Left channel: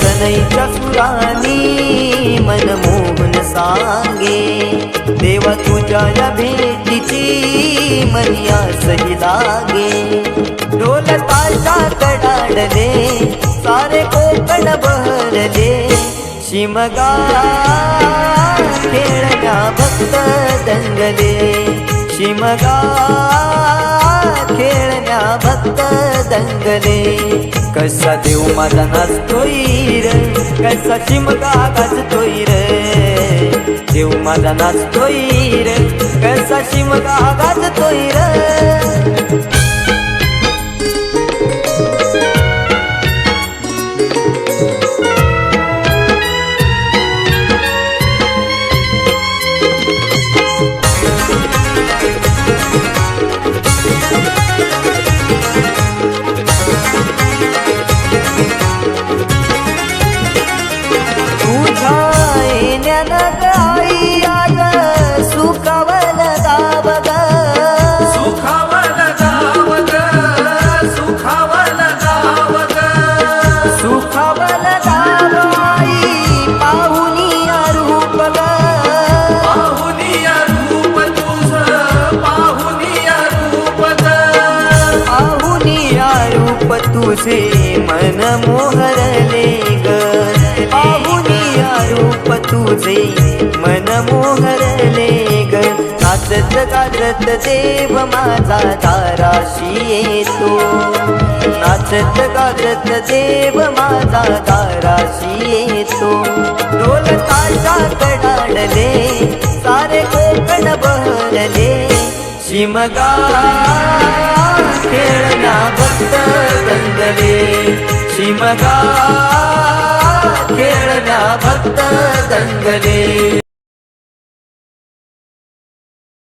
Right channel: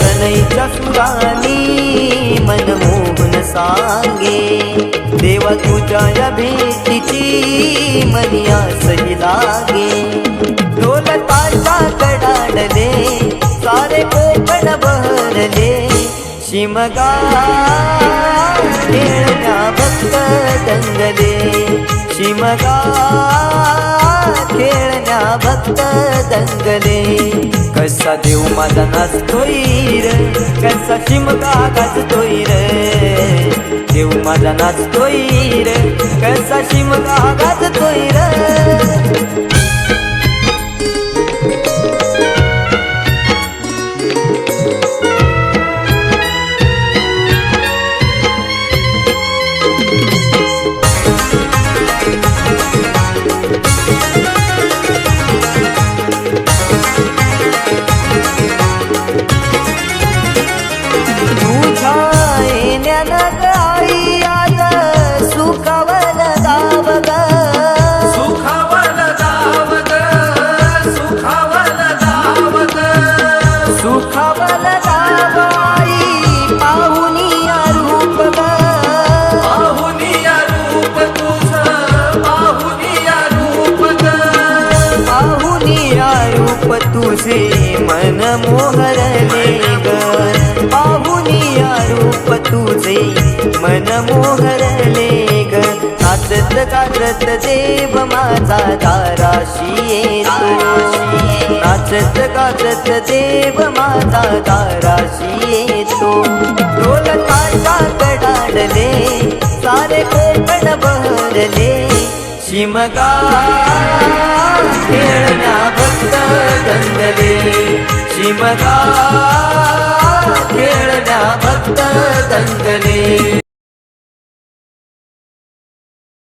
सनईच्या सुरानी मनमोहन सांगे, देवा तुझ्या या भेटीची मनी आसही लागे। ढोल ताशा कडाडले सारे कोकण बहरले, शिमगा खेळण्या भक्त दंगले, शिमगा खेळण्या भक्त दंगले। कसा देव माझा नाचतोय रे, कसा शिमगा गाजतोय रे, देव माझा नाचतोय रे, कसा शिमगा गाजतोय रे। आई आज सुखावल गाव ग, सुखावल गाव ग, सुखावल गाव ग, सुखावल गाव आई पाहुनिया रूप ग, पाहुनिया रूप तुझ, पाहुनिया रूप ग, पाहुनिया रूप तुझे मन मोहरले ग, पाहुनिया रूप तुझे मन मोहरले ग। नाचत गाजत देव माझा दाराशी येतो, नाचत गाजत देव माझा दाराशी येतो। ढोल ताशा कडाडले सारे कोकण बहरले, शिमगा खेळण्या भक्त दंगले, शिमगा खेळण्या भक्त दंगले।